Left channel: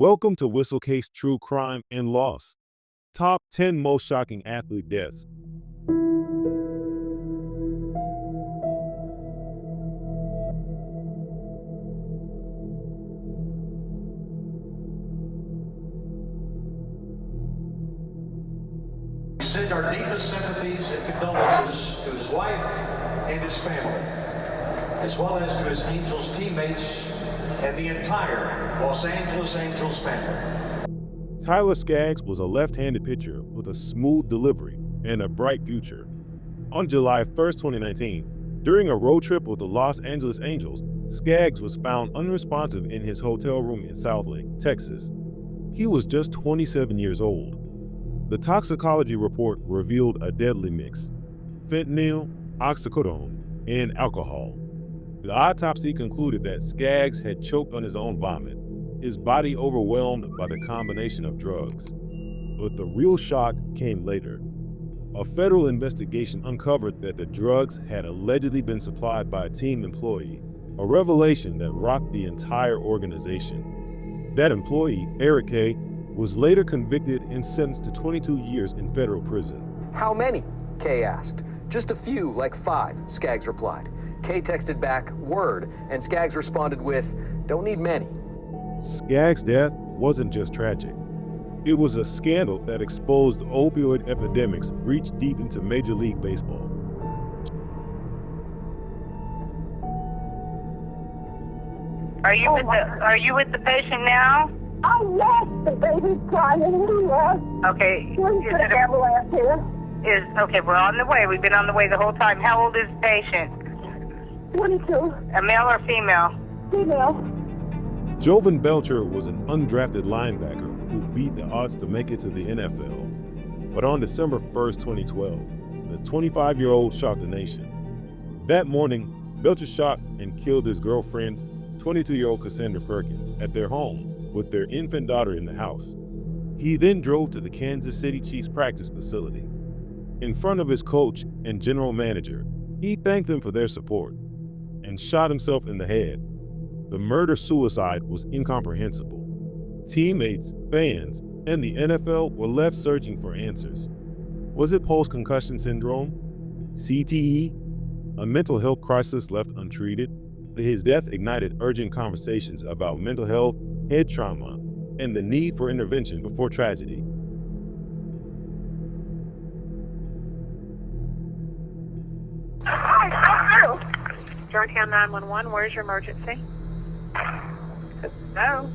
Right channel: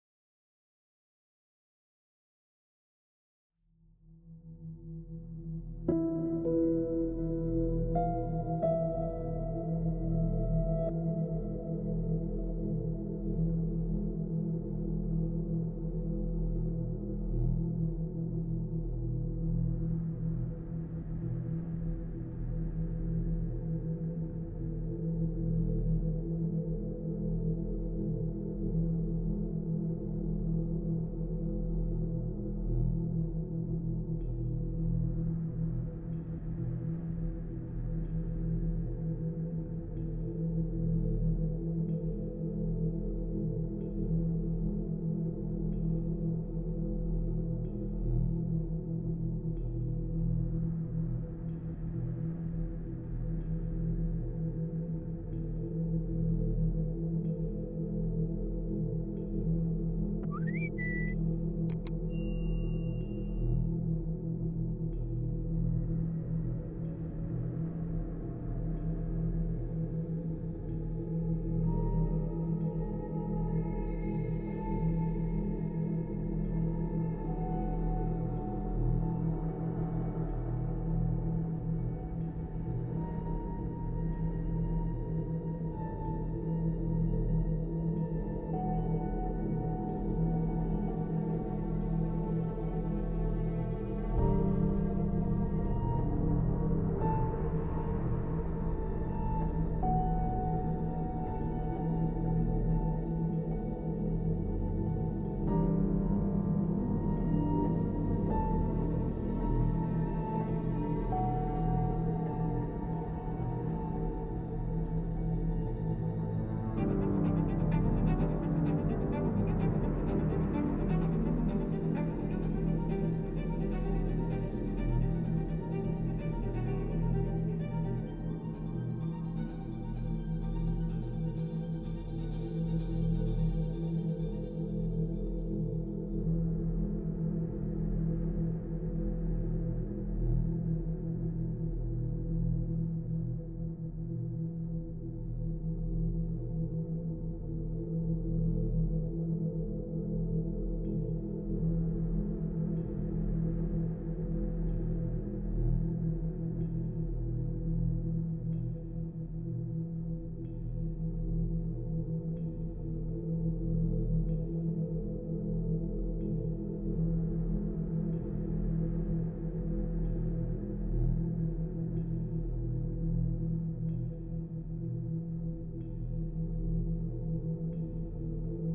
Welcome to Whistlecase True Crime and Loss. Top 10 Most Shocking Athlete Deaths. Send our deepest sympathies and condolences to his wife and his family, as well as to his Angels teammates and the entire Los Angeles Angels family. Tyler Skaggs was a left-handed pitcher with a smooth delivery and a bright future. On July 1st, 2019, during a road trip with the Los Angeles Angels, Skaggs was found unresponsive in his hotel room in Southlake, Texas. He was just 27 years old. The toxicology report revealed a deadly mix: fentanyl, oxycodone, and alcohol. The autopsy concluded that Skaggs had choked on his own vomit, his body overwhelmed by the combination of drugs. But the real shock came later. A federal investigation uncovered that the drugs had allegedly been supplied by a team employee, a revelation that rocked the entire organization. That employee, Eric K., was later convicted and sentenced to 22 years in federal prison. How many? Kay asked. Just a few, like 5, Skaggs replied. Kay texted back, word, and Skaggs responded with, don't need many. Skaggs' death wasn't just tragic. It was a scandal that exposed the opioid epidemics reached deep into Major League Baseball. Are you with the patient now? Oh, yes, the baby's crying in the room. Okay. When's the ambulance here? Okay, we're on the way. We've been on the way the whole time. How old is the patient? 22. A male or female? Female. Jovan Belcher was an undrafted linebacker who beat the odds to make it to the NFL. But on December 1st, 2012, the 25-year-old shocked the nation. That morning, Belcher shot and killed his girlfriend, 22-year-old Cassandra Perkins, at their home with their infant daughter in the house. He then drove to the Kansas City Chiefs practice facility. In front of his coach and general manager, he thanked them for their support and shot himself in the head. The murder-suicide was incomprehensible. Teammates, fans, and the NFL were left searching for answers. Was it post-concussion syndrome? CTE? A mental health crisis left untreated? His death ignited urgent conversations about mental health, head trauma, and the need for intervention before tragedy. Georgetown 911, where's your emergency? Hello?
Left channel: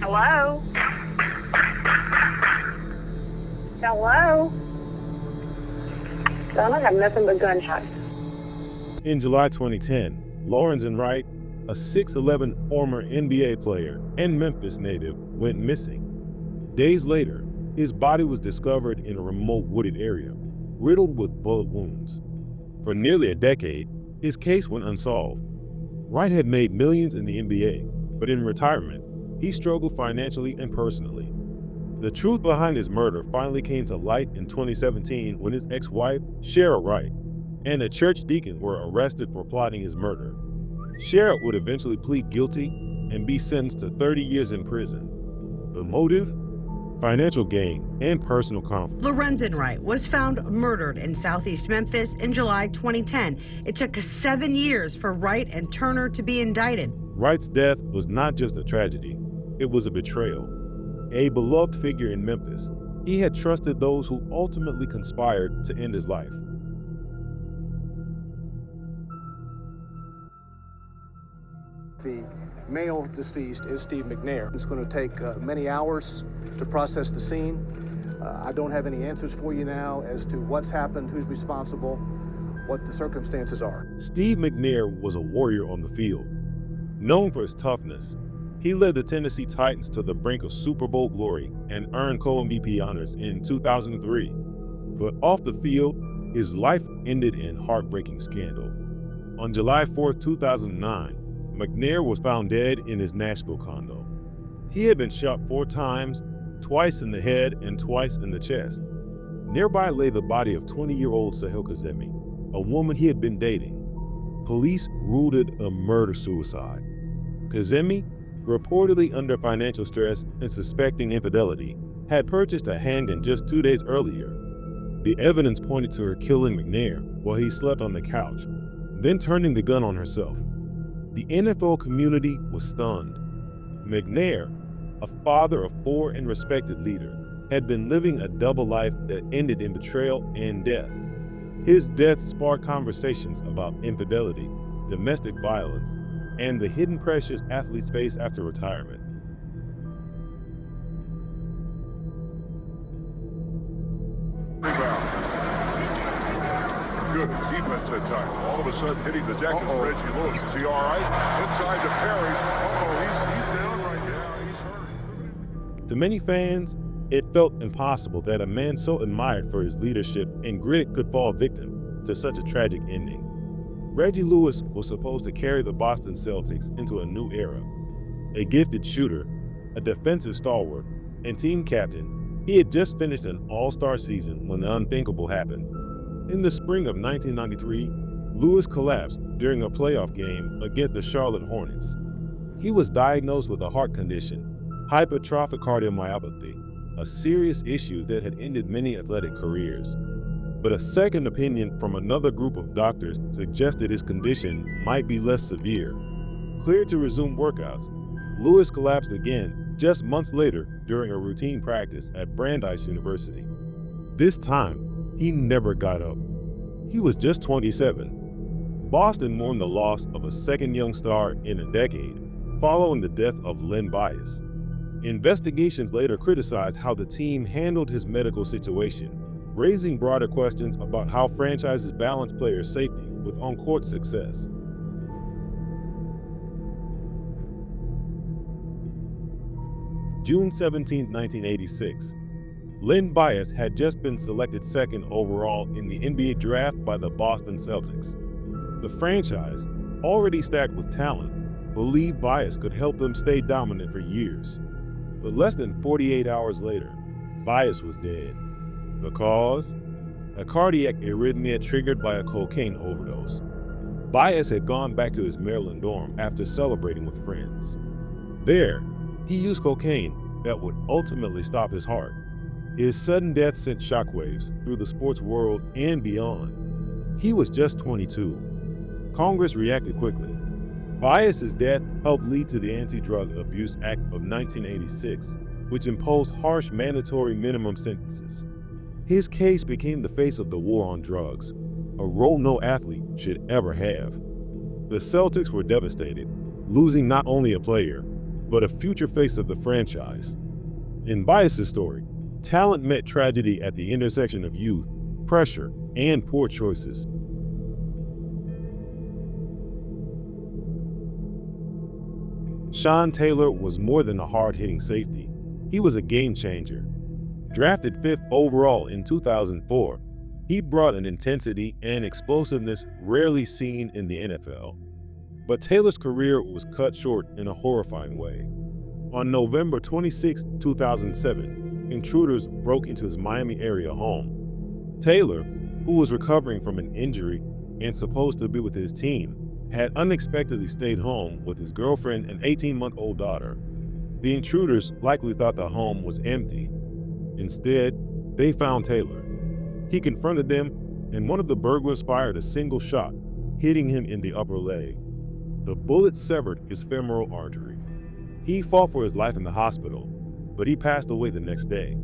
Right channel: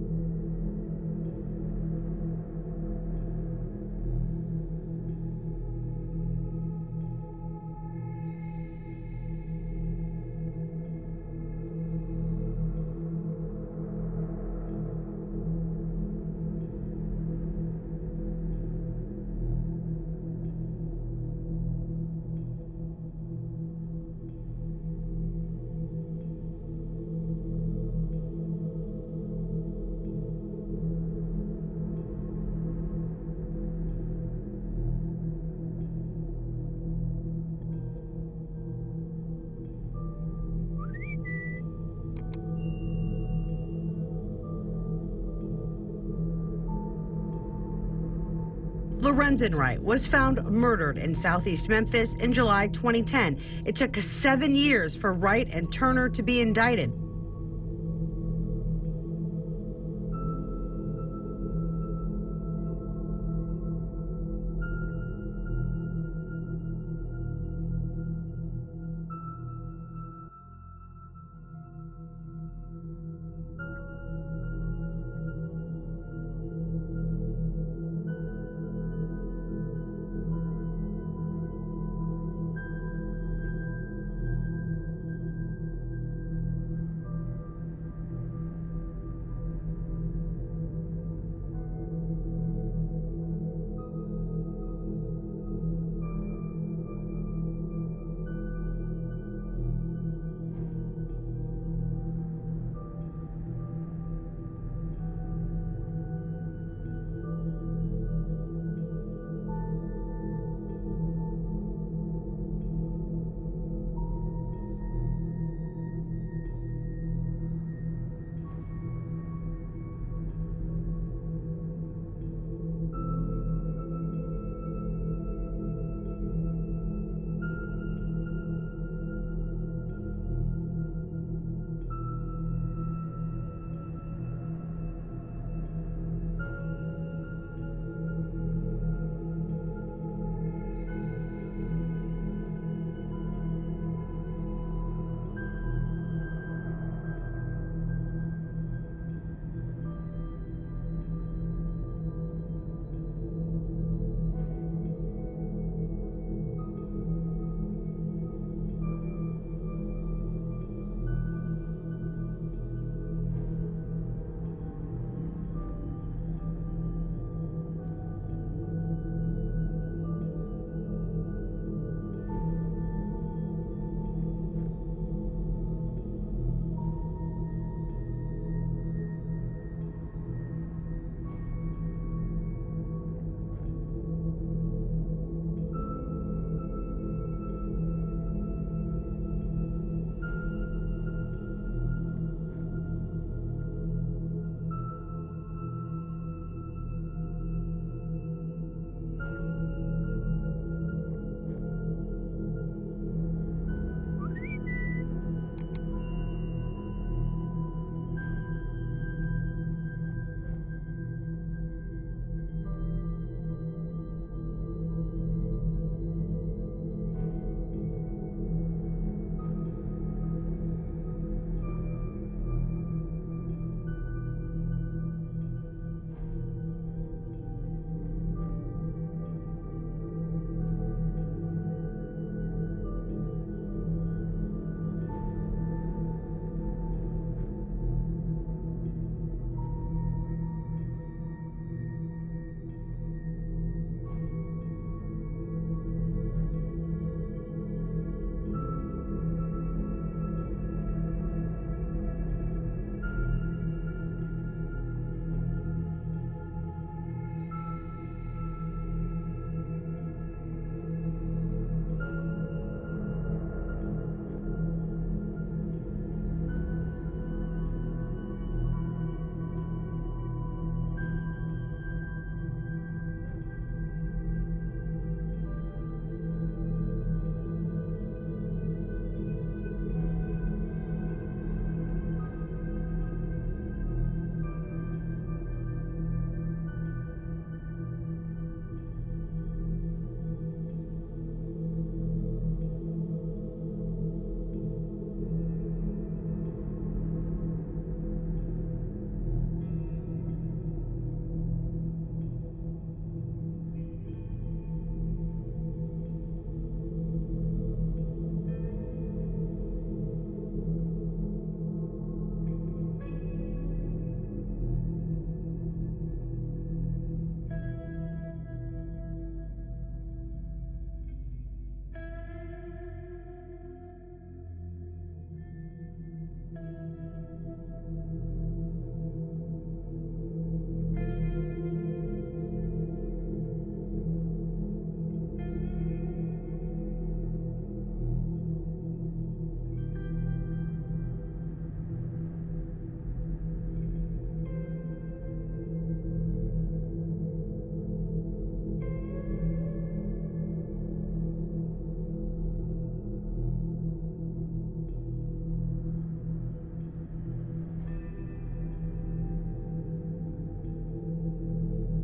Hello? Hello? Son, I have nothing but gunshots. In July 2010, Lawrence Wright, a 6'11" former NBA player and Memphis native, went missing. Days later, his body was discovered in a remote wooded area, riddled with bullet wounds. For nearly a decade, his case went unsolved. Wright had made millions in the NBA, but in retirement, he struggled financially and personally. The truth behind his murder finally came to light in 2017 when his ex-wife, Cheryl Wright, and a church deacon were arrested for plotting his murder. Cheryl would eventually plead guilty and be sentenced to 30 years in prison. The motive? Financial gain and personal conflict. Lorenzen Wright was found murdered in southeast Memphis in July 2010. It took 7 years for Wright and Turner to be indicted. Wright's death was not just a tragedy, it was a betrayal. A beloved figure in Memphis, he had trusted those who ultimately conspired to end his life. The male deceased is Steve McNair. It's going to take many hours to process the scene. I don't have any answers for you now as to what's happened, who's responsible, what the circumstances are. Steve McNair was a warrior on the field. Known for his toughness, he led the Tennessee Titans to the brink of Super Bowl glory and earned co-MVP honors in 2003. But off the field, his life ended in heartbreaking scandal. On July 4th, 2009, McNair was found dead in his Nashville condo. He had been shot 4 times, twice in the head and twice in the chest. Nearby lay the body of 20-year-old Sahel Kazemi, a woman he had been dating. Police ruled it a murder-suicide. Kazemi, reportedly under financial stress and suspecting infidelity, had purchased a handgun just 2 days earlier. The evidence pointed to her killing McNair while he slept on the couch, then turning the gun on herself. The NFL community was stunned. McNair, a father of 4 and respected leader, had been living a double life that ended in betrayal and death. His death sparked conversations about infidelity, domestic violence, and the hidden pressures athletes face after retirement. Rebound. Good defense that time. All of a sudden hitting the deck is Reggie Lewis. Is he all right? Inside to Parrish. He's down right now. He's hurt. To many fans, it felt impossible that a man so admired for his leadership and grit could fall victim to such a tragic ending. Reggie Lewis was supposed to carry the Boston Celtics into a new era. A gifted shooter, a defensive stalwart, and team captain, he had just finished an all-star season when the unthinkable happened. In the spring of 1993, Lewis collapsed during a playoff game against the Charlotte Hornets. He was diagnosed with a heart condition, hypertrophic cardiomyopathy, a serious issue that had ended many athletic careers. But a second opinion from another group of doctors suggested his condition might be less severe. Cleared to resume workouts, Lewis collapsed again just months later during a routine practice at Brandeis University. This time, he never got up. He was just 27. Boston mourned the loss of a second young star in a decade, following the death of Len Bias. Investigations later criticized how the team handled his medical situation, raising broader questions about how franchises balance players' safety with on-court success. June 17, 1986. Len Bias had just been selected second overall in the NBA draft by the Boston Celtics. The franchise, already stacked with talent, believed Bias could help them stay dominant for years. But less than 48 hours later, Bias was dead. The cause? A cardiac arrhythmia triggered by a cocaine overdose. Bias had gone back to his Maryland dorm after celebrating with friends. There, he used cocaine that would ultimately stop his heart. His sudden death sent shockwaves through the sports world and beyond. He was just 22. Congress reacted quickly. Bias's death helped lead to the Anti-Drug Abuse Act of 1986, which imposed harsh mandatory minimum sentences. His case became the face of the war on drugs, a role no athlete should ever have. The Celtics were devastated, losing not only a player, but a future face of the franchise. In Bias's story, talent met tragedy at the intersection of youth, pressure, and poor choices. Sean Taylor was more than a hard-hitting safety. He was a game changer. Drafted 5th overall in 2004, he brought an intensity and explosiveness rarely seen in the NFL. But Taylor's career was cut short in a horrifying way. On November 26, 2007, intruders broke into his Miami area home. Taylor, who was recovering from an injury and supposed to be with his team, had unexpectedly stayed home with his girlfriend and 18-month-old daughter. The intruders likely thought the home was empty. Instead, they found Taylor. He confronted them, and one of the burglars fired a single shot, hitting him in the upper leg. The bullet severed his femoral artery. He fought for his life in the hospital, but he passed away the next day.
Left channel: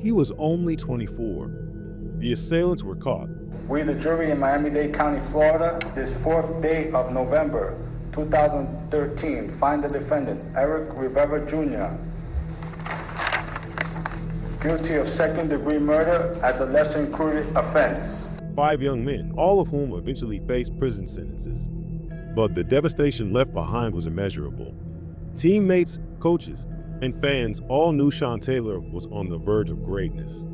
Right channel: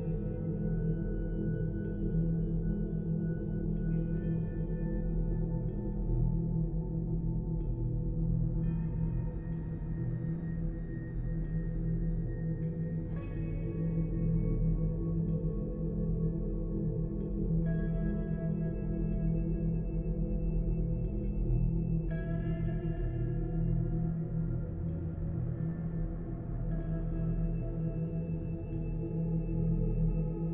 He was only 24. The assailants were caught. We, the jury in Miami-Dade County, Florida, this 4th day of November 2013, find the defendant, Eric Rivera Jr., guilty of second-degree murder as a lesser-included offense. 5 young men, all of whom eventually faced prison sentences. But the devastation left behind was immeasurable. Teammates, coaches, and fans all knew Sean Taylor was on the verge of greatness.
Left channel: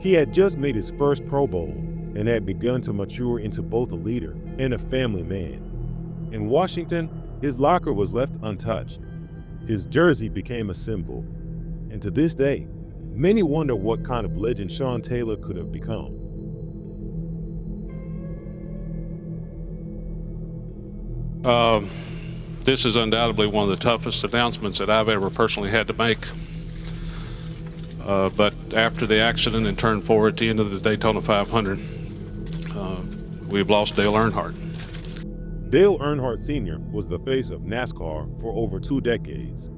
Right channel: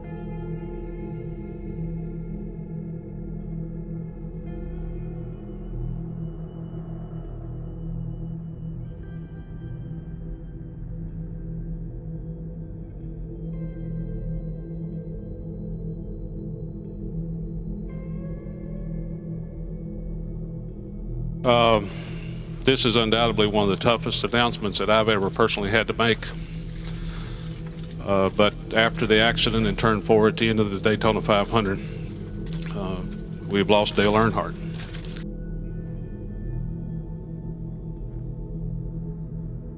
He had just made his first Pro Bowl and had begun to mature into both a leader and a family man. In Washington, his locker was left untouched. His jersey became a symbol. And to this day, many wonder what kind of legend Sean Taylor could have become. This is undoubtedly one of the toughest announcements that I've ever personally had to make. But after the accident and turn 4 at the end of the Daytona 500, we've lost Dale Earnhardt. Dale Earnhardt Sr. was the face of NASCAR for over 2 decades.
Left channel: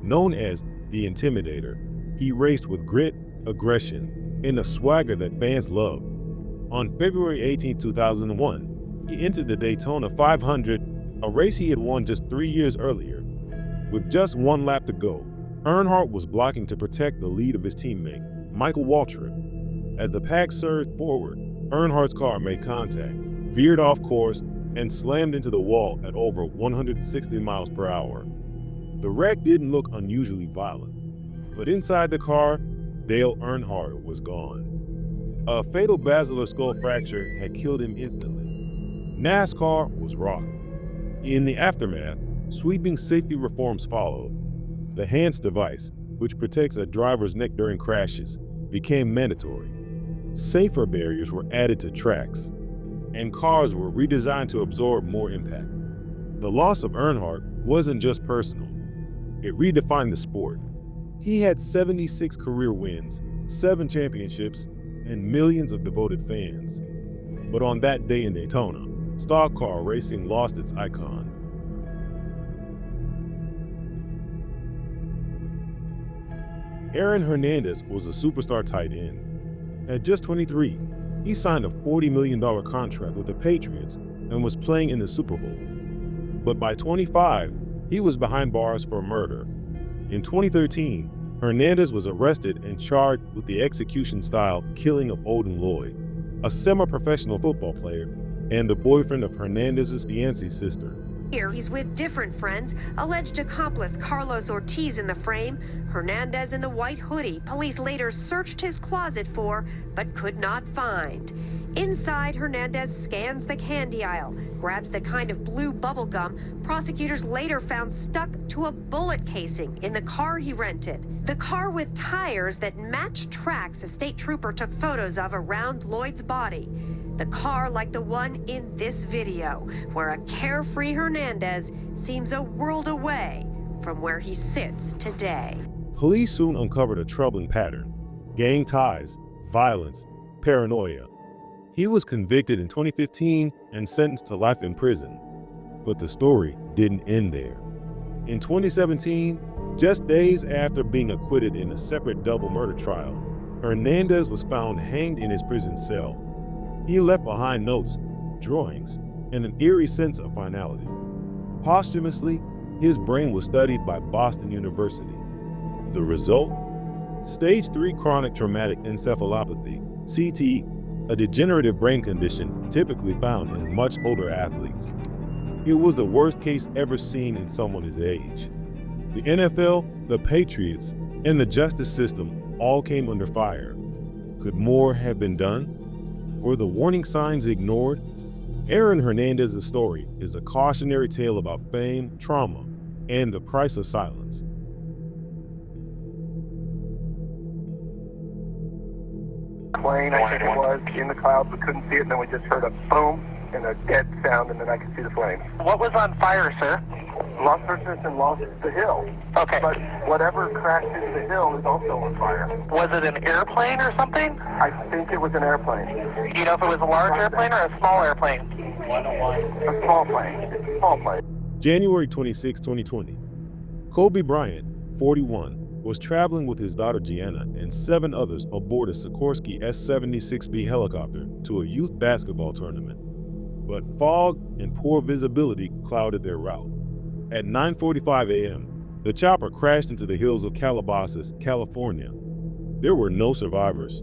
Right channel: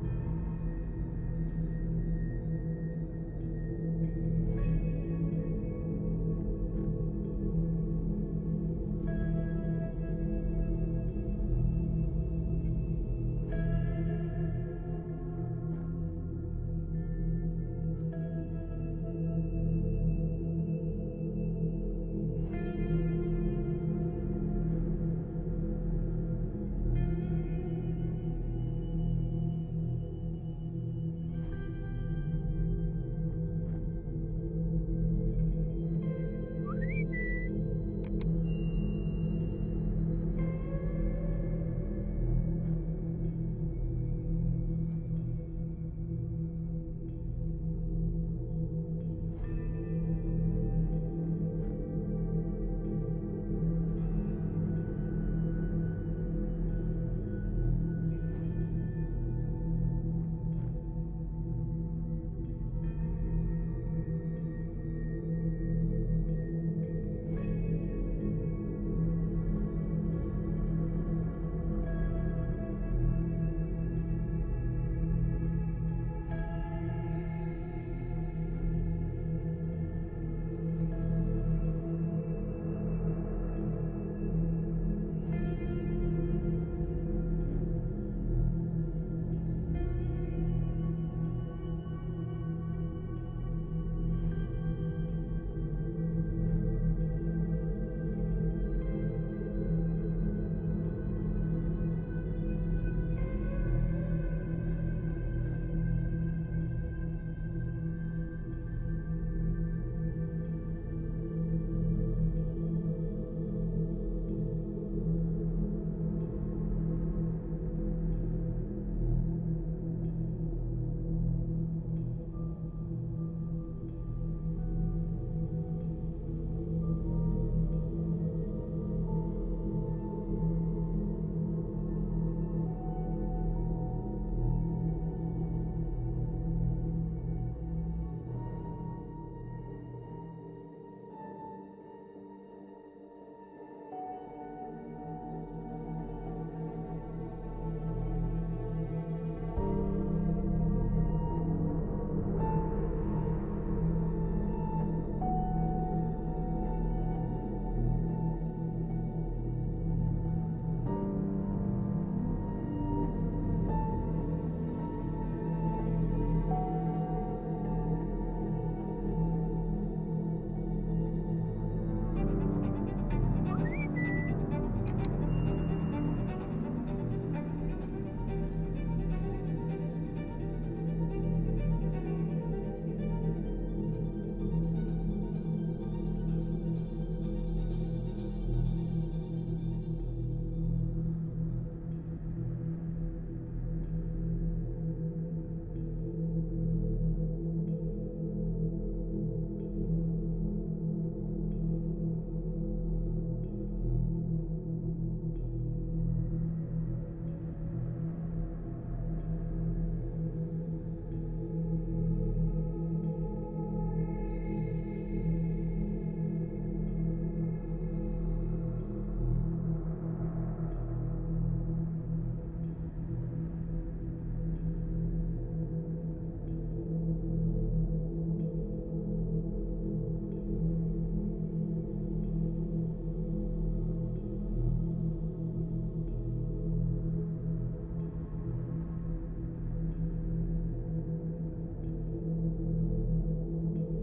Known as the Intimidator, he raced with grit, aggression, and a swagger that fans loved. On February 18, 2001, he entered the Daytona 500, a race he had won just 3 years earlier. With just 1 lap to go, Earnhardt was blocking to protect the lead of his teammate, Michael Waltrip. As the pack surged forward, Earnhardt's car made contact, veered off course, and slammed into the wall at over 160 miles per hour. The wreck didn't look unusually violent, but inside the car, Dale Earnhardt was gone. A fatal basilar skull fracture had killed him instantly. NASCAR was rocked. In the aftermath, sweeping safety reforms followed. The HANS device, which protects a driver's neck during crashes, became mandatory. Safer barriers were added to tracks, and cars were redesigned to absorb more impact. The loss of Earnhardt wasn't just personal. It redefined the sport. He had 76 career wins, 7 championships, and millions of devoted fans. But on that day in Daytona, stock car racing lost its icon. Aaron Hernandez was a superstar tight end. At just 23, he signed a $40 million contract with the Patriots and was playing in the Super Bowl. But by 25, he was behind bars for murder. In 2013, Hernandez was arrested and charged with the execution-style killing of Odin Lloyd, a semi-professional football player and the boyfriend of Hernandez's fiancée sister. Here he's with different friends, alleged accomplice Carlos Ortiz in the frame, Hernandez in the white hoodie police later searched his closet for, but could not find. Inside, Hernandez scans the candy aisle, grabs the kind of blue bubble gum prosecutors later found stuck to a bullet casing in the car he rented. The car with tires that matched tracks a state trooper took photos of around Lloyd's body. The car like the one in this video, where a carefree Hernandez seems a world away from where he sits today. Police soon uncovered a troubling pattern: gang ties, violence, paranoia. He was convicted in 2015 and sentenced to life in prison. But the story didn't end there. In 2017, just days after being acquitted in a separate double murder trial, Hernandez was found hanged in his prison cell. He left behind notes, drawings, and an eerie sense of finality. Posthumously, his brain was studied by Boston University. The result? Stage 3 chronic traumatic encephalopathy, CTE, a degenerative brain condition typically found in much older athletes. It was the worst case ever seen in someone his age. The NFL, the Patriots, and the justice system all came under fire. Could more have been done? Were the warning signs ignored? Aaron Hernandez's story is a cautionary tale about fame, trauma, and the price of silence. Plane, I think it was, in the clouds. We couldn't see it, and then we just heard a boom and a dead sound, and then I could see the flames. What was on fire, sir? Lost purchase and lost the hill. Okay. But whatever crashed into the hill is also on fire. Was it an airplane or something? I think it was an airplane. Do you know if it was a large airplane or a small airplane? A small plane. Small plane. January 26, 2020. Kobe Bryant, 41, was traveling with his daughter Gianna and 7 others aboard a Sikorsky S-76B helicopter to a youth basketball tournament. But fog and poor visibility clouded their route. At 9:45 a.m., the chopper crashed into the hills of Calabasas, California. There were no survivors.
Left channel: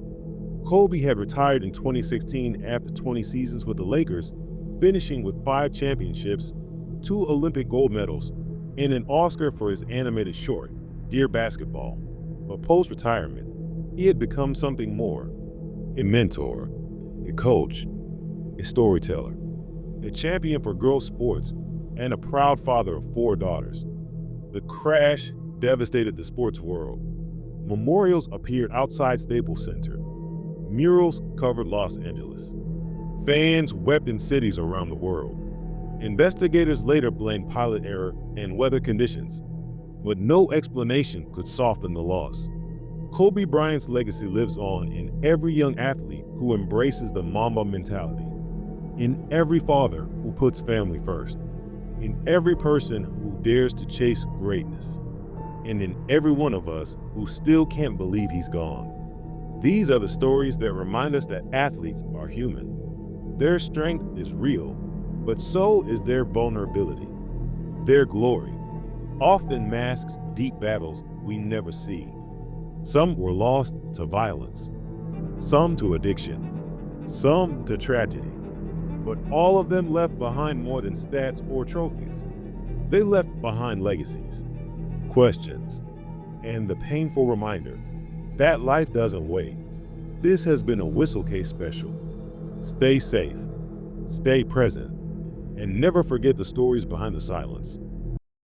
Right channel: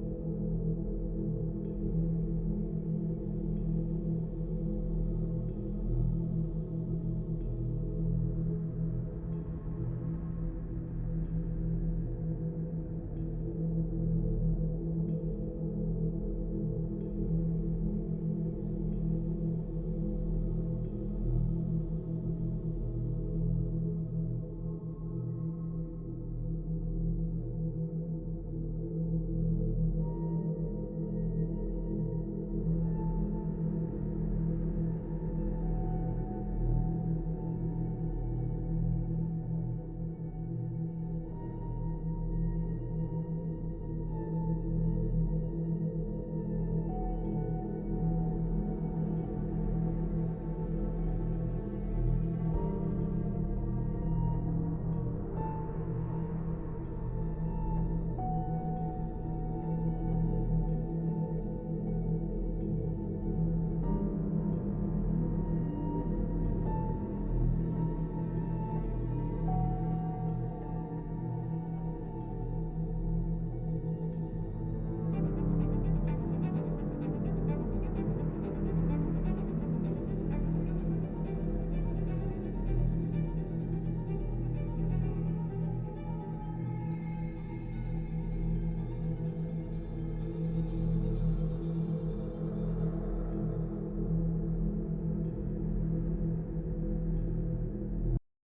Kobe had retired in 2016 after 20 seasons with the Lakers, finishing with 5 championships, 2 Olympic gold medals, and an Oscar for his animated short, Dear Basketball. But post-retirement, he had become something more: a mentor, a coach, a storyteller, a champion for girls' sports, and a proud father of 4 daughters. The crash devastated the sports world. Memorials appeared outside Staples Center. Murals covered Los Angeles. Fans wept in cities around the world. Investigators later blamed pilot error and weather conditions, but no explanation could soften the loss. Kobe Bryant's legacy lives on in every young athlete who embraces the Mamba mentality, in every father who puts family first, in every person who dares to chase greatness, and in every one of us who still can't believe he's gone. These are the stories that remind us that athletes are human. Their strength is real, but so is their vulnerability. Their glory often masks deep battles we never see. Some were lost to violence, some to addiction, some to tragedy, but all of them left behind more than stats or trophies. They left behind legacies, questions, and the painful reminder that life doesn't wait. This has been a Whistle Case special. Stay safe, stay present, and never forget the stories behind the silence.